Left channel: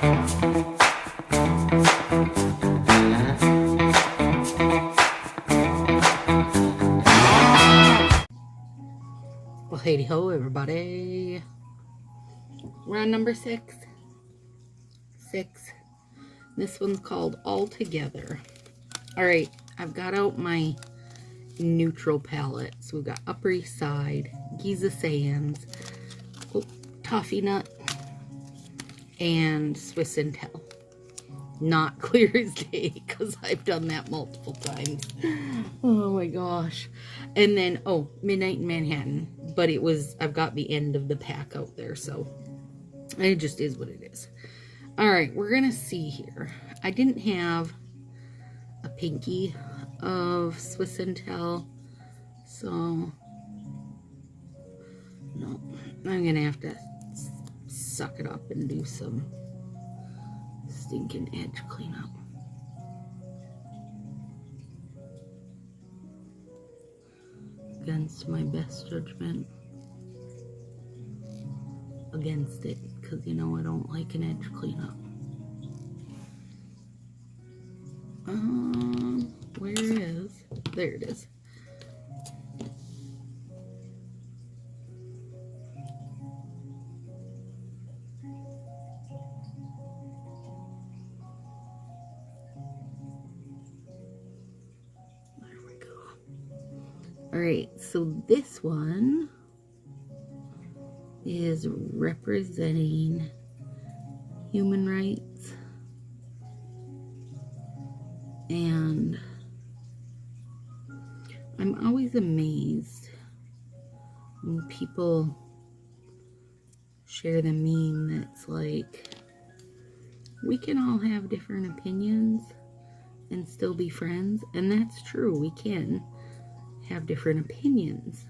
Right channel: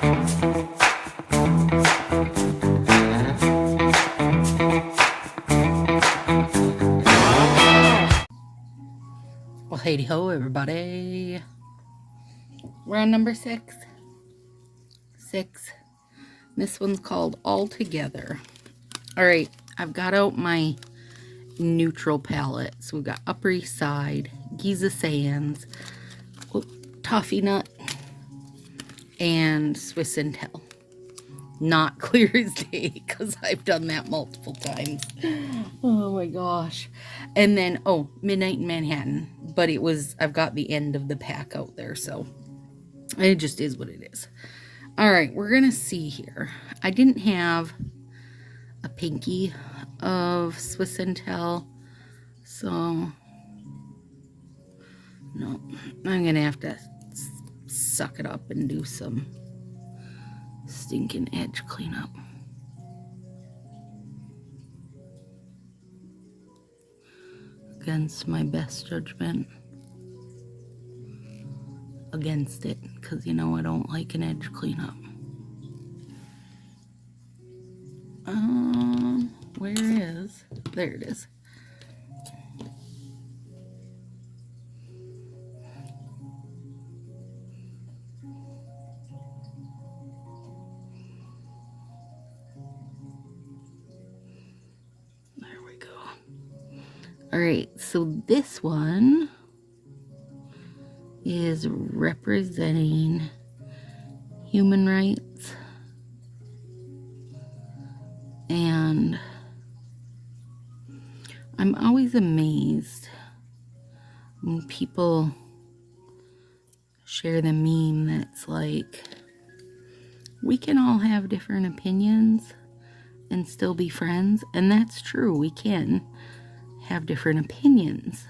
Well, hey ho, everybody. We're on number 6. This one's called All Together. Alright, I've got out my neutral palette. So we've got Upper East Side, Giza Sands, Toffee Nut, and Swiss Intel. Not clear as day, because I've done that multiple times. Oh my gosh. And then, Midnight in Manhattan. But I've got the end of the pack out there, so it just is what it is. Alright, we're going to see here. I didn't have a pinky of Swiss Intel, so no, I'm going to have to suck it up and do some stinking edge cleanup. Against my best judgment. Against it, because you know I don't like an edge cleanup. Where is? There it is. There we go. Alright, so this one is representing human rights, and I'm always amazed when people share the meme that's like, we can all have different opinions and still be friends, and that's true. We can have different opinions.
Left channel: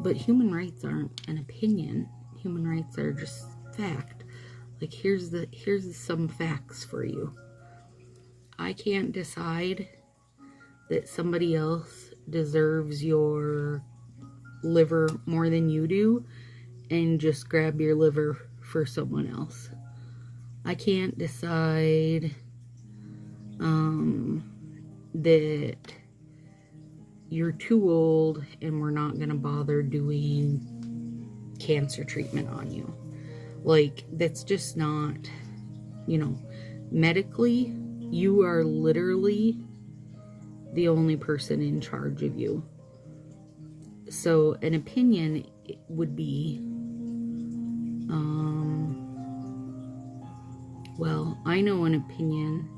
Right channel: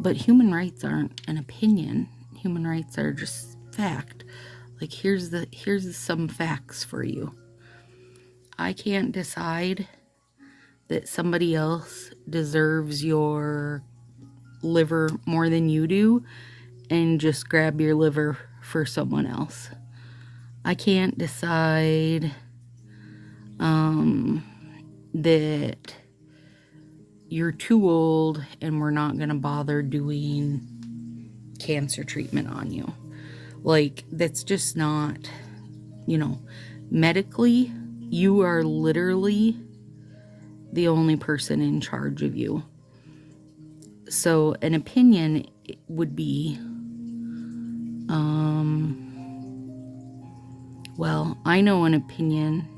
But human rights aren't an opinion. Human rights are just fact. Like, here's some facts for you. I can't decide that somebody else deserves your liver more than you do and just grab your liver for someone else. I can't decide that you're too old and we're not going to bother doing cancer treatment on you. Like, that's just not, medically, you are literally the only person in charge of you. So an opinion would be, well, I know an opinion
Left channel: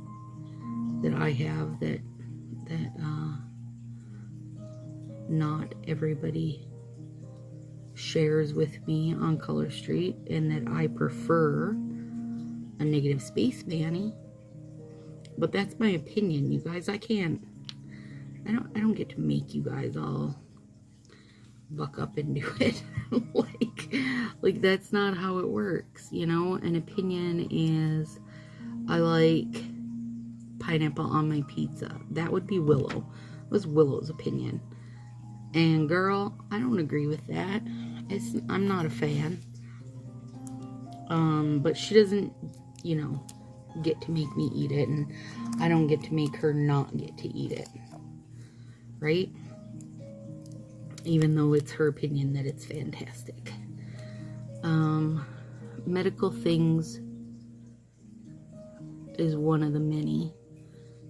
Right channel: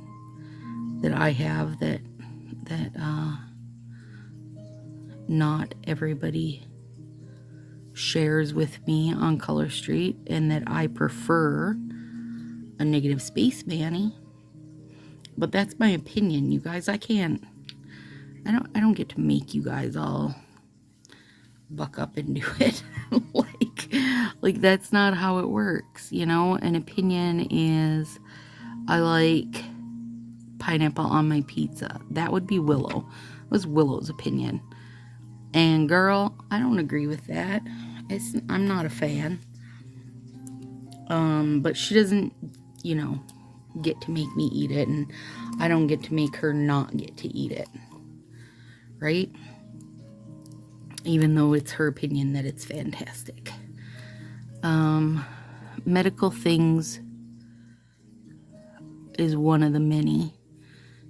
that I have that not everybody shares with me on Color Street, and that I prefer a negative space Manny. But that's my opinion, you guys. I don't get to make you guys all buck up and do it. like that's not how it works, An opinion is, I like pineapple on my pizza. That would be Willow. It was Willow's opinion. And girl, I don't agree with that. I'm not a fan. But she doesn't, get to make me eat it, and I don't get to make her not get to eat it. Right? Even though it's her opinion that it's fantastic. Medical things is one of the many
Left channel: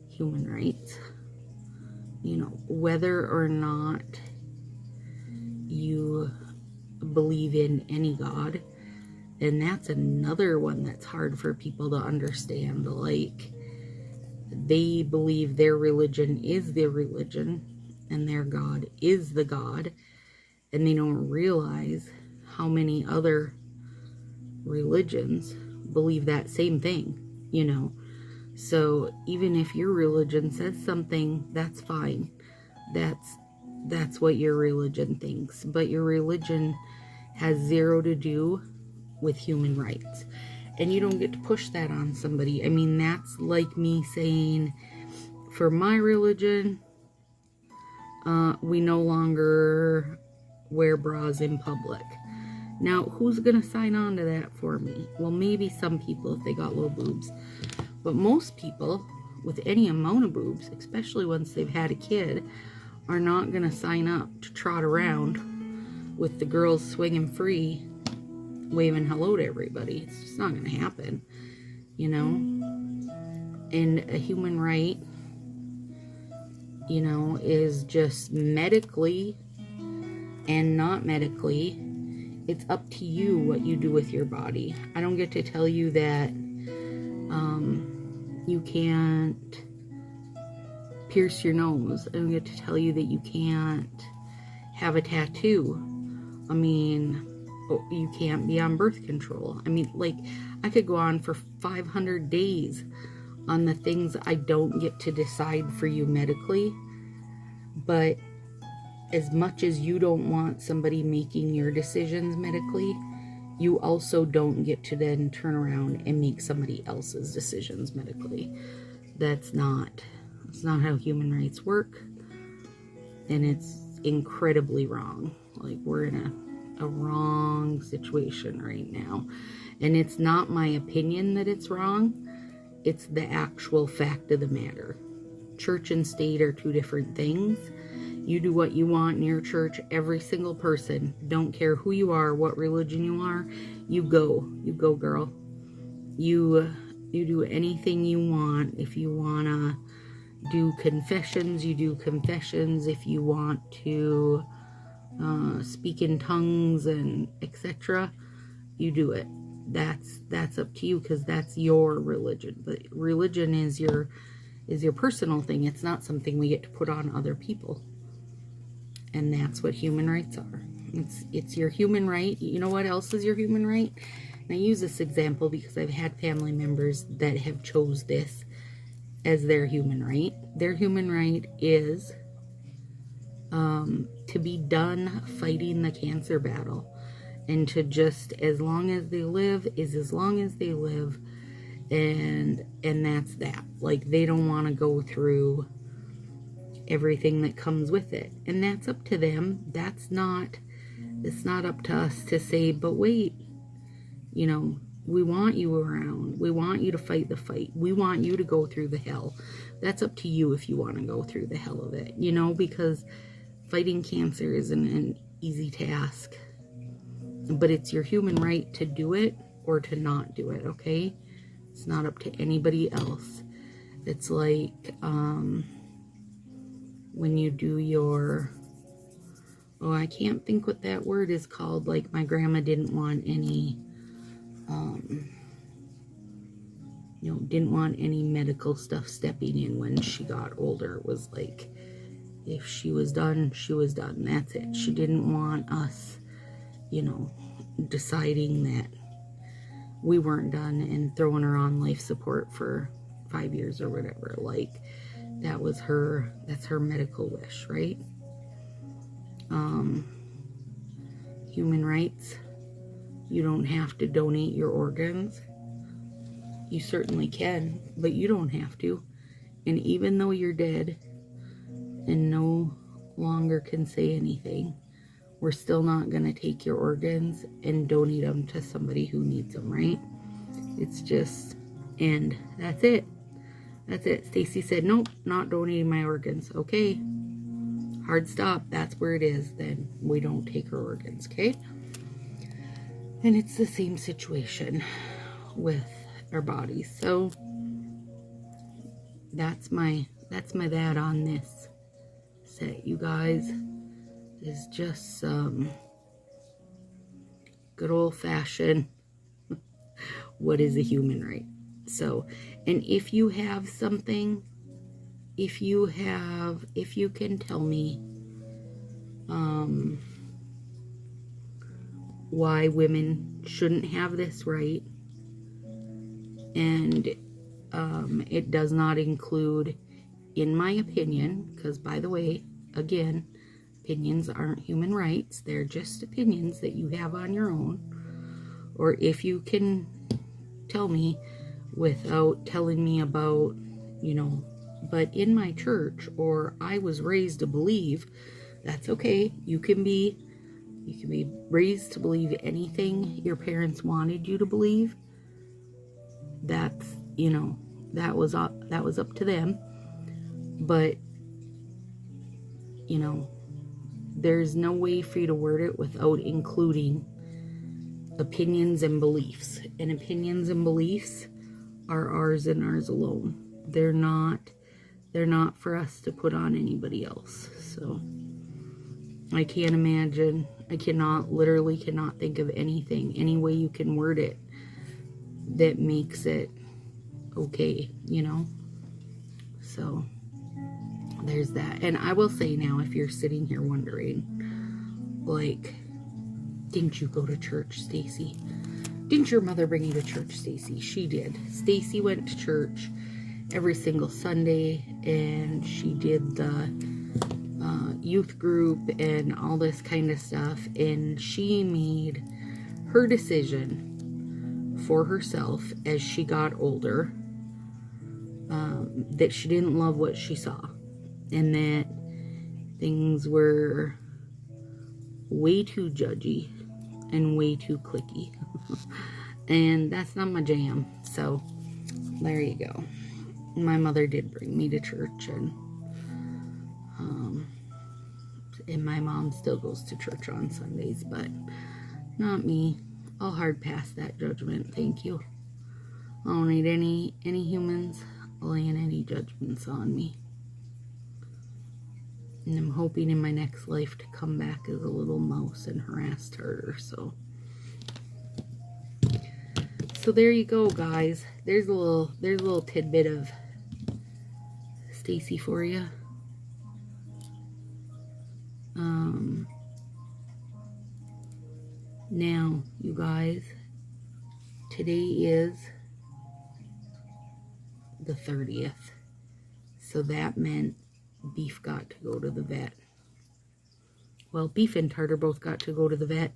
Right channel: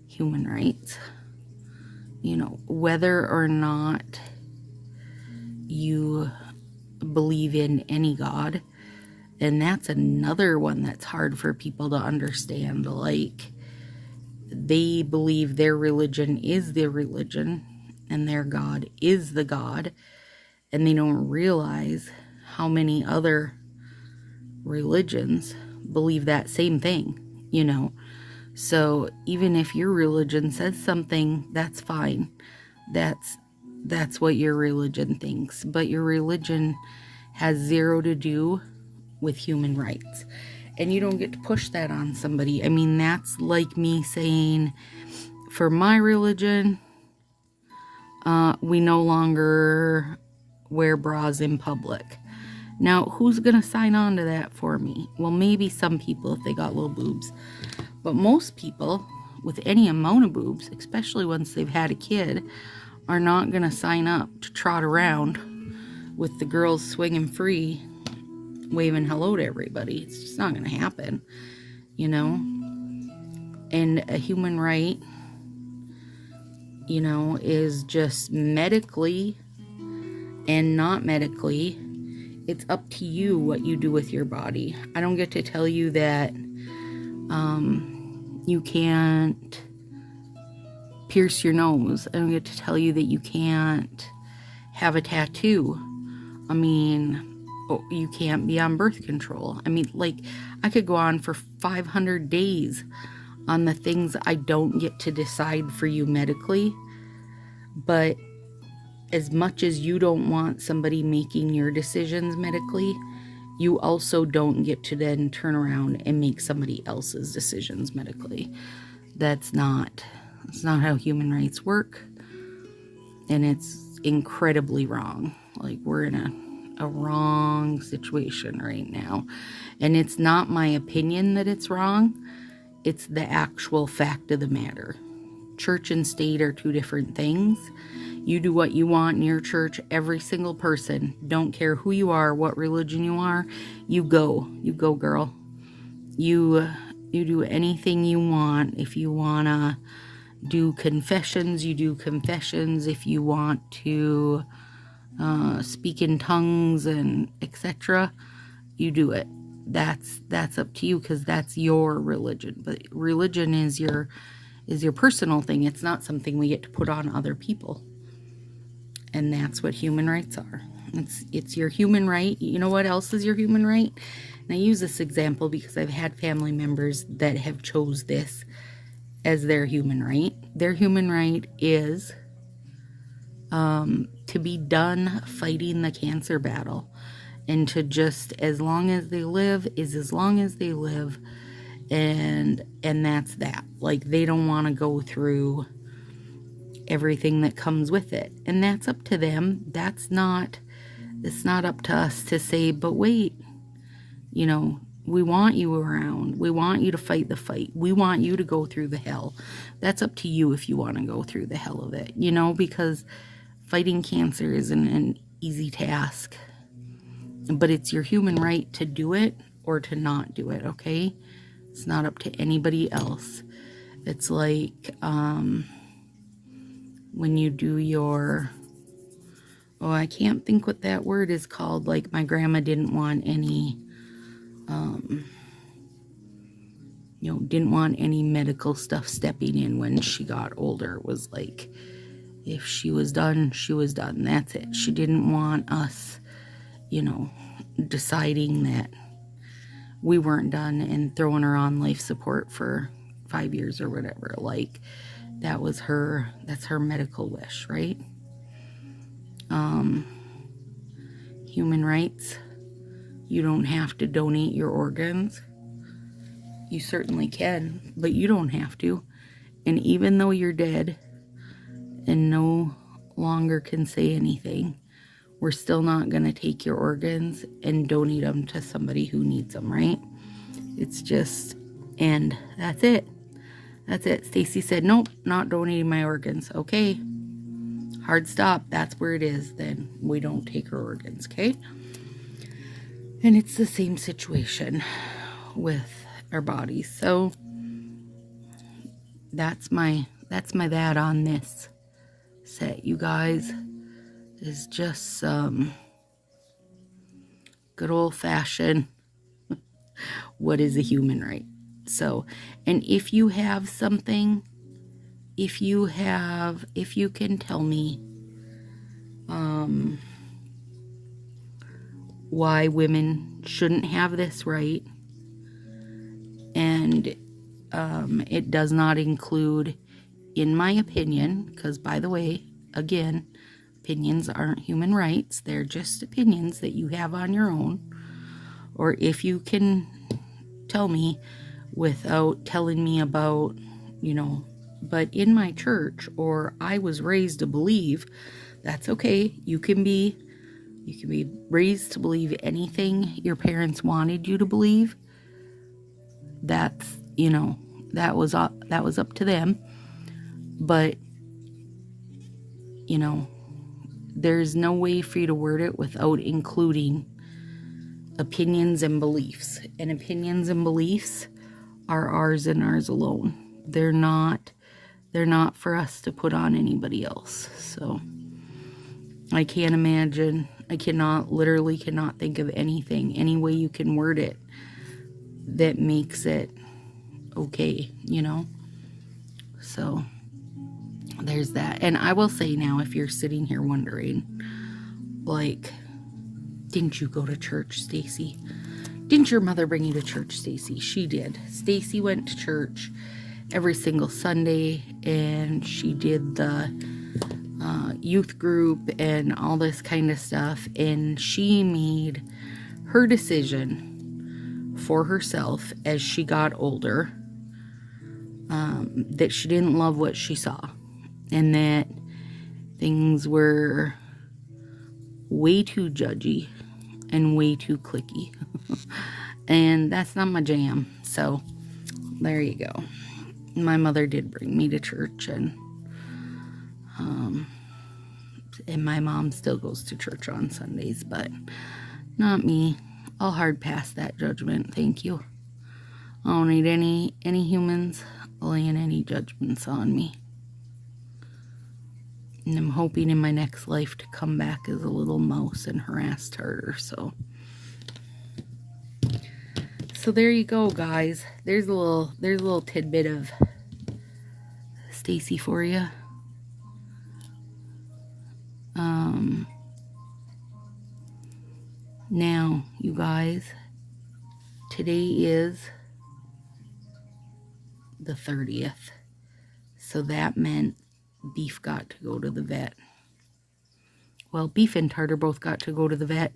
human rights. Whether or not you believe in any God, and that's another one that's hard for people to understand. Like, they believe their religion is their religion and their God is the God, and they don't realize how many other religions believe that same thing, So even if your religion says something, that's fine. That's what your religion thinks. But your religion has zero to do with human rights. And you don't get to push that on somebody. I mean, that's like me saying, for my religion, we no longer wear bras in public. Now, who's going to sign on to that for me? Well, maybe some people if they got little boobs. But most people with any amount of boobs, especially once they've had a kid, are not going to sign up to trot around with the girls swinging free, waving hello to everybody. It's just not going to happen, you know? And a human right, you know, is just medically and not medically. It's up to you what you do with your body. I don't get to tell you that you can't pierce your nose. I don't get to tell you that you can't have a tattoo. I mean, you can't be on birth control. I mean, like, I could go on for 500 days on the things I don't get to decide for you medically. But as much as you don't want somebody making your decisions medically, you also don't get to then turn around and make somebody else's decisions medically. That's not how human rights work. And it's incredibly wrong. Like, we're in a wrong situation right now. And it's not my opinion that it's wrong. It's the actual fact of the matter. Church and state are two different things. You do what you want in your church. Every single person, don't care who you are, what religion you are, you go, girl. You do anything you want. If you want to do confessions, you do confessions. If you want to speak in tongues and etc., you do it. That's up to you, because that's your religion. But religion is your personal thing. It's not something we get to put on other people. And that's what human rights are. It's your human right. You know what else is your human right? And I use this example because I've had family members that have chose this as their human right. Their human right is to be done fighting the cancer battle, and to just, as long as they live is as long as they live, and that's that. Like, they don't want to go through everything that comes with it, and that's up to them. It's not up to us to say, but wait, you know, we want you around, we want you to fight the fight, we want you to go through the hell. That's up to you if you want to go through the hell of it, you know, because fighting cancer isn't an easy task, but it's your human right to do it or to not do it. Okay, it's not up to anybody else. It's like when you do your, I can't think what that word is called. Like, my grandma didn't want any, didn't want any medical stuff stepping in when she got older. It was like, if she was done, she was done. That's it. She didn't want us, deciding that we weren't done and throwing her on life support for 5 years or whatever. Like, that's her medical wish, right? Human rights, you don't have to donate your organs. You certainly can, but you don't have to. And even though you're dead and no longer can say anything, we're still not going to take your organs and donate them to somebody who needs them, right? It's just, and that's it. That's it. Stacy said, nope, not donating my organs. Okay. Hard stop. That's where it is. Then we don't take her organs, okay? And it's the same situation with our bodies. So that's my that on this set, you guys. Is just some good old-fashioned what is a human right. So, and if you have something, if you can tell me why women shouldn't have this right, and it does not include, in my opinion, because, by the way, again, opinions aren't human rights. They're just opinions that you have on your own. Or if you can tell me without telling me about, but in my church, or I was raised to believe, that's okay. You can be, You can be raised to believe anything your parents wanted you to believe. That's, that was up to them. But, there's no way for you to word it without including opinions and beliefs. And opinions and beliefs are ours and ours alone. They're not for us to put on anybody else. So I can't imagine, literally cannot think of anything, any way you can word it that makes it okay, So there's that. And I will say now, if you're sitting here wondering, like, didn't you go to church, Stacy? Didn't your mother bring you to church, Stacy? She did. Stacy went to church every single Sunday, and she did the youth group and all this kind of stuff, and she made her decision for herself as she got older, that she didn't love what she saw, and that things were way too judgy and way too cliquey. And that's not my jam. So there you go. My mother did bring me to church, and my mom still goes to church on Sundays, but not me. I'll hard pass that judgment, thank you. I don't need any humans laying any judgments on me. And I'm hoping in my next life to come back as a little mouse and harass tartar, so there you go, guys. There's a little tidbit of Stacy for you. Now, you guys, today is the 30th, so that meant Beef got to go to the vet. Well, Beef and Tartar both got to go to the vet,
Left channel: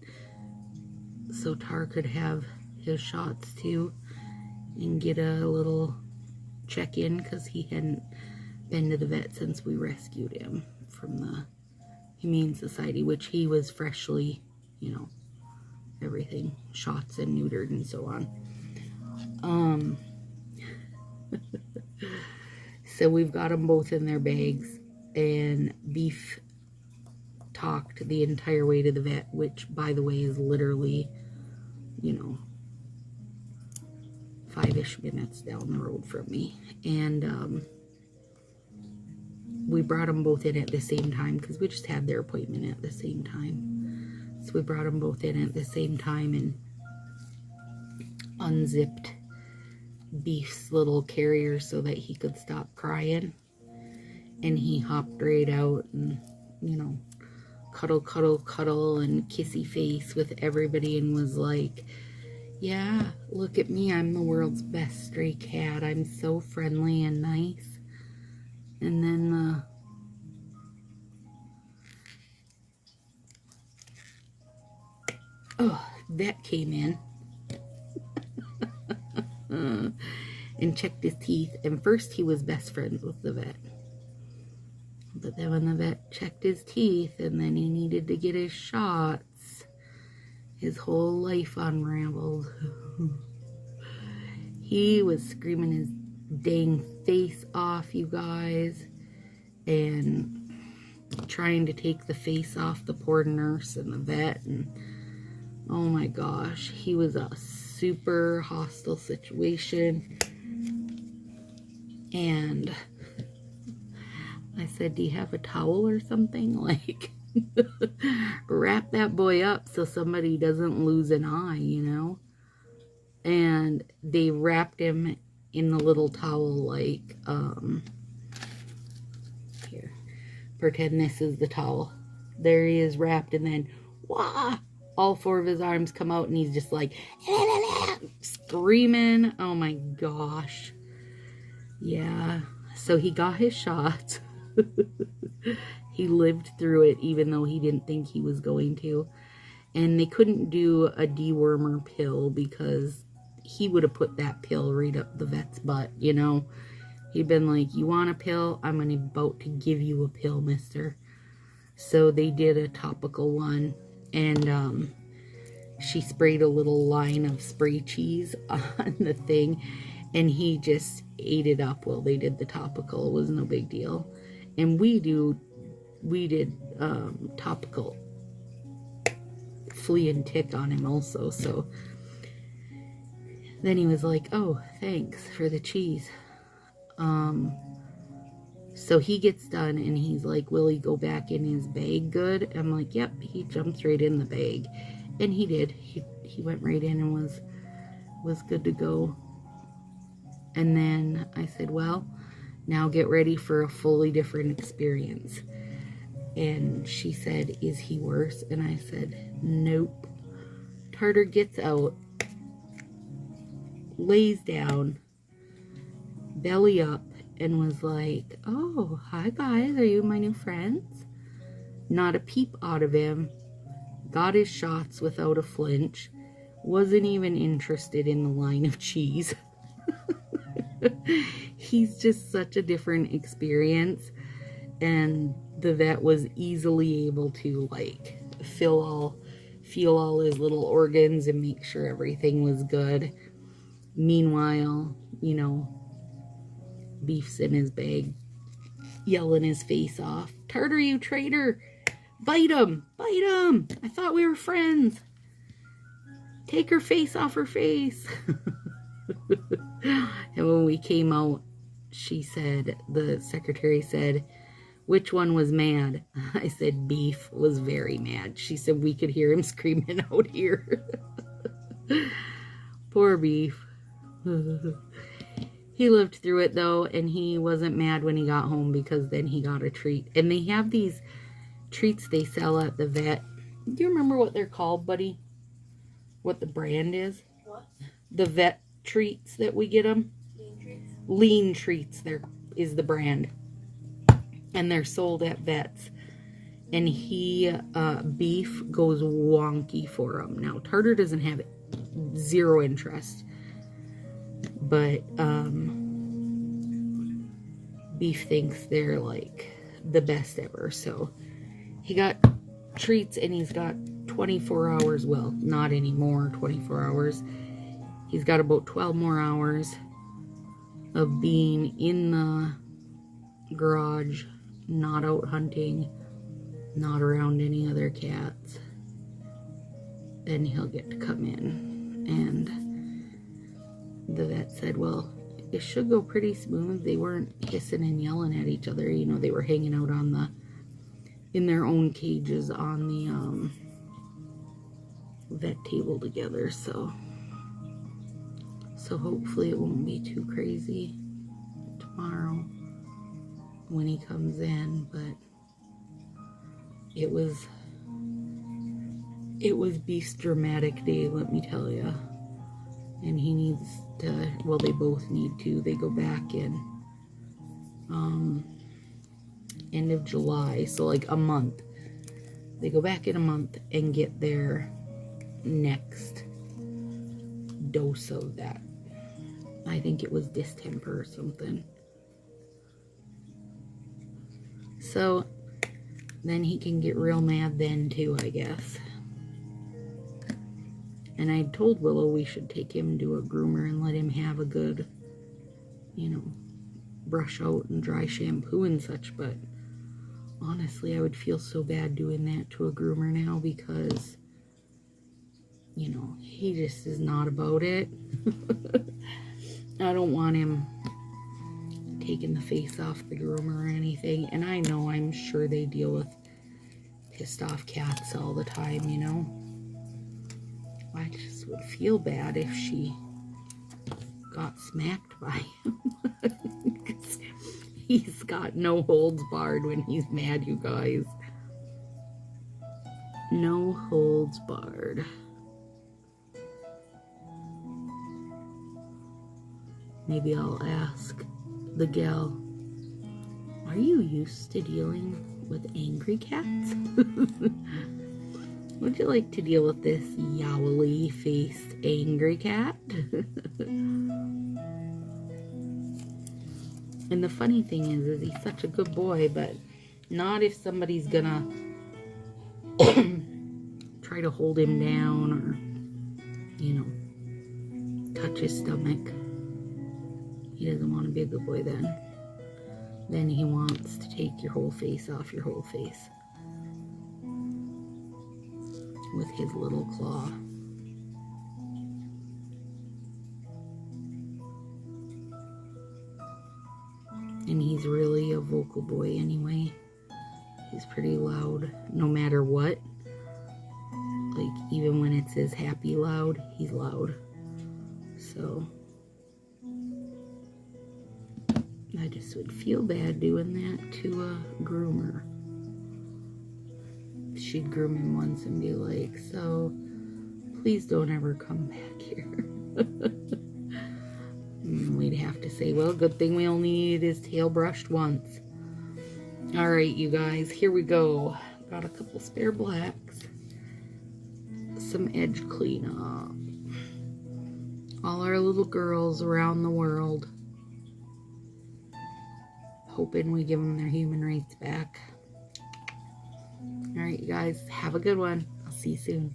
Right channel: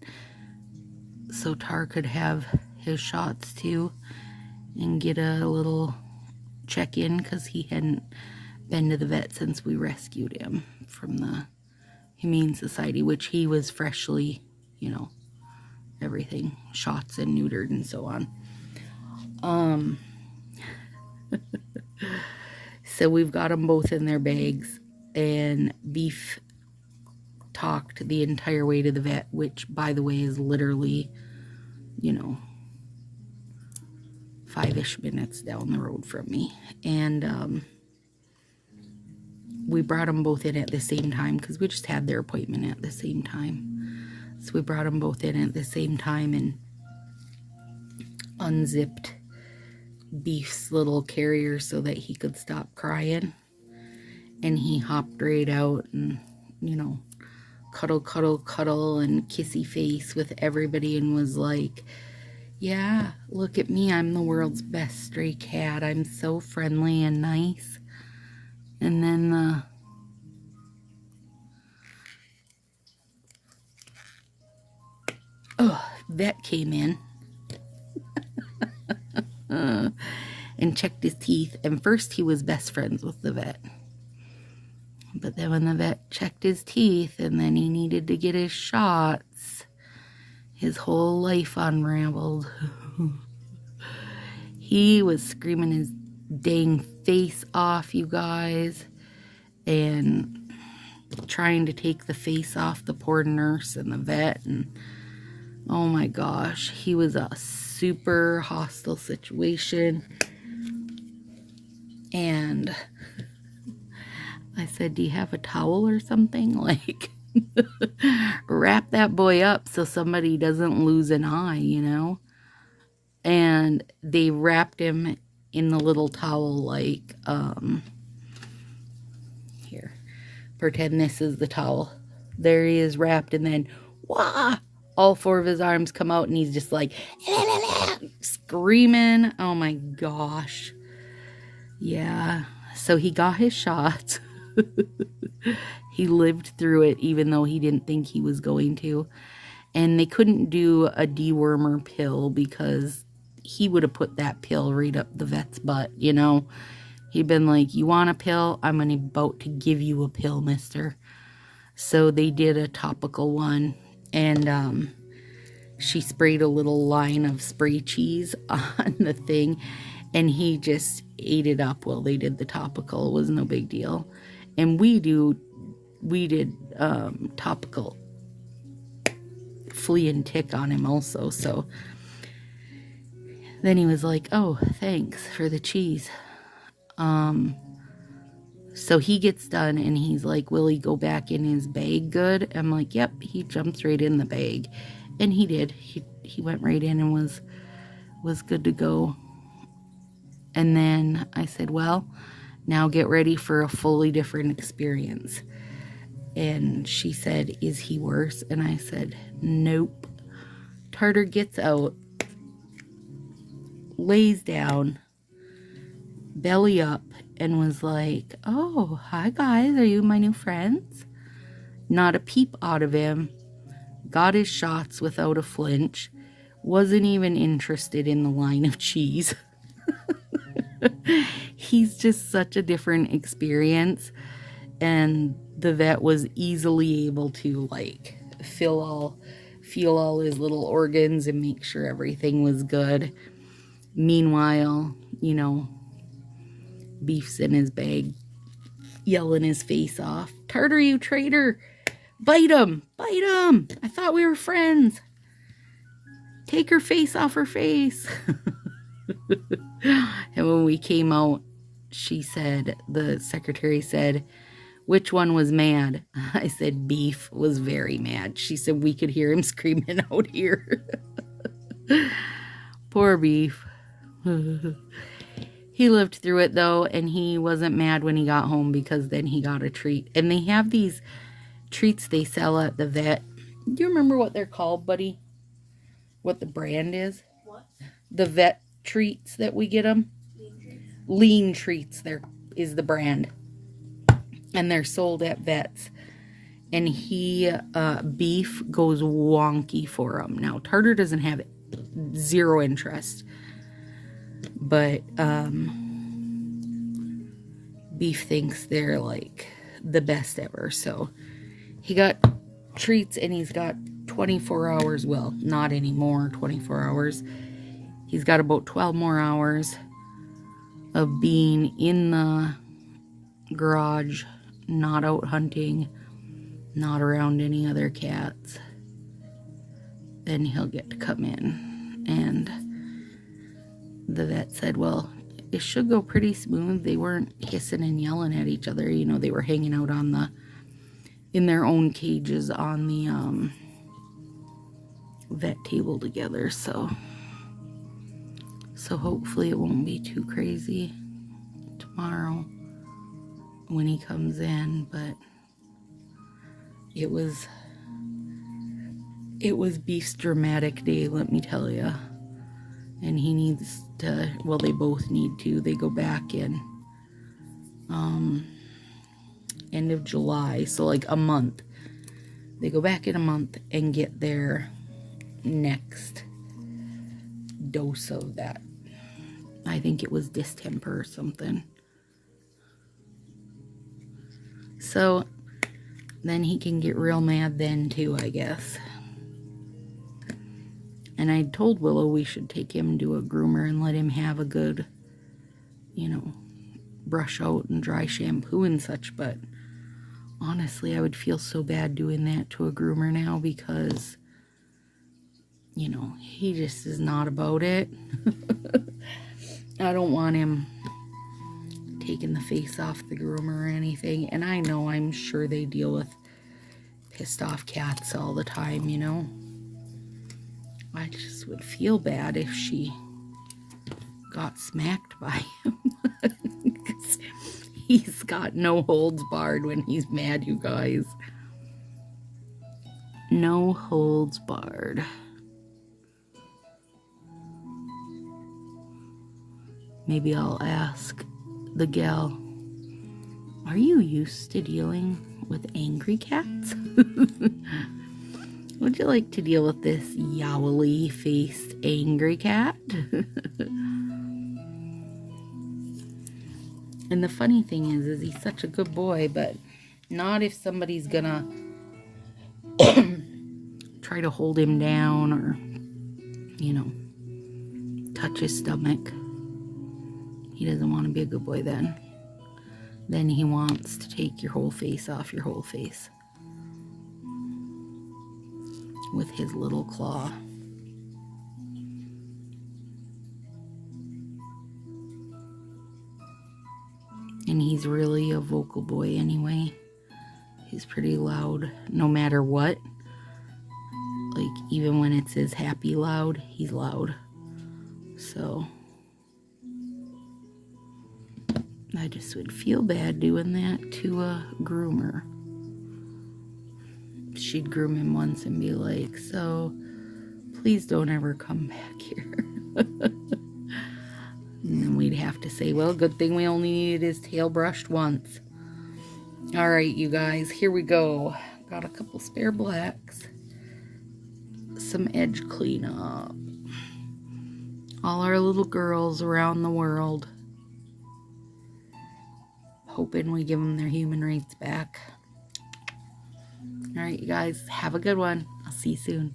so Tar could have his shots too and get a little check-in, because he hadn't been to the vet since we rescued him from the Humane Society, which he was freshly, everything, shots and neutered and so on. So we've got them both in their bags, and Beef talked the entire way to the vet, which, by the way, is literally, 5-ish minutes down the road from me. And we brought them both in at the same time, because we just had their appointment at the same time. So we brought them both in at the same time and unzipped Beef's little carrier so that he could stop crying. And he hopped right out and, cuddle, cuddle, cuddle, and kissy face with everybody, and was like, yeah, look at me, I'm the world's best stray cat. I'm so friendly and nice. And then vet came in and checked his teeth. And first he was best friends with the vet. But then when the vet checked his teeth and then he needed to get his shots, his whole life unraveled. He was screaming his dang face off, you guys, and trying to take the face off the poor nurse and the vet, and oh my gosh, he was a super hostile situation. And I said, do you have a towel or something? Like, wrap that boy up so somebody doesn't lose an eye, And they wrapped him in the little towel, like, here, pretend this is the towel. There he is wrapped, and then, wah! All 4 of his arms come out, and he's just like, screaming. Oh my gosh. Yeah, so he got his shots. He lived through it, even though he didn't think he was going to. And they couldn't do a dewormer pill, because he would have put that pill right up the vet's butt, He'd been like, you want a pill? I'm about to give you a pill, mister. So they did a topical one, And she sprayed a little line of spray cheese on the thing, and he just ate it up while they did the topical. It was no big deal. And we did topical flea and tick on him also. So then he was like, oh, thanks for the cheese. So he gets done and he's like, will he go back in his bag good? I'm like, yep. He jumps right in the bag. And he did. He went right in and was good to go. And then I said, well, now get ready for a fully different experience. And she said, is he worse? And I said, nope. Tartar gets out, lays down, belly up, and was like, oh, hi guys, are you my new friends? Not a peep out of him. Got his shots without a flinch. Wasn't even interested in the line of cheese. He's just such a different experience. And the vet was easily able to like feel all his little organs and make sure everything was good. Meanwhile, you know, Beef's in his bag, yelling his face off. Tartar, you traitor! Bite him! Bite him! I thought we were friends. Take her face off her face. And when we came out, she said, the secretary said, which one was mad? I said, Beef was very mad. She said, we could hear him screaming out here. Poor Beef. He lived through it though, and he wasn't mad when he got home because then he got a treat. And they have these treats they sell at the vet. Do you remember what they're called, buddy? What the brand is? What? The vet treats that we get them. Lean treats. Lean treats there is the brand. And they're sold at vets. And Beef goes wonky for them. Now, Tartar doesn't have zero interest. But Beef thinks they're like the best ever. So he got treats and he's got 24 hours. Well, not anymore, 24 hours. He's got about 12 more hours of being in the garage, not out hunting, not around any other cats. Then he'll get to come in. And the vet said, well, it should go pretty smooth. They weren't hissing and yelling at each other. You know, they were hanging out in their own cages on the vet table together. So hopefully it won't be too crazy tomorrow when he comes in. But it was Beef's dramatic day, let me tell you. And he needs to, well, they both need to. They go back in end of July, so like a month. They go back in a month and get their next dose of that. I think it was distemper or something. So then he can get real mad then too, I guess. And I told Willow we should take him to a groomer and let him have a good, you know, brush out and dry shampoo and such. But honestly, I would feel so bad doing that to a groomer now because, you know, he just is not about it. I don't want him taking the face off the groomer or anything. And I know, I'm sure they deal with pissed off cats all the time, you know. I just would feel bad if she got smacked by him. Because he's got no holds barred when he's mad, you guys. No holds barred. Maybe I'll ask the gal, are you used to dealing with angry cats? Would you like to deal with this yowly-faced angry cat? And the funny thing is he's such a good boy, but not if somebody's gonna try try to hold him down or, you know, touch his stomach. He doesn't want to be a good boy then. Then he wants to take your whole face off your whole face with his little claw. And he's really a vocal boy anyway. He's pretty loud no matter what. Like, even when it's his happy loud, he's loud. So I just would feel bad doing that to a groomer. She'd groom him once and be like, so please don't ever come back here. And then we'd have to say, well, good thing we only needed his tail brushed once. All right, you guys, here we go. Got a couple spare blacks. Some edge cleanup. All our little girls around the world. Hoping we give them their human rights back. All right, you guys, have a good one. I'll see you soon.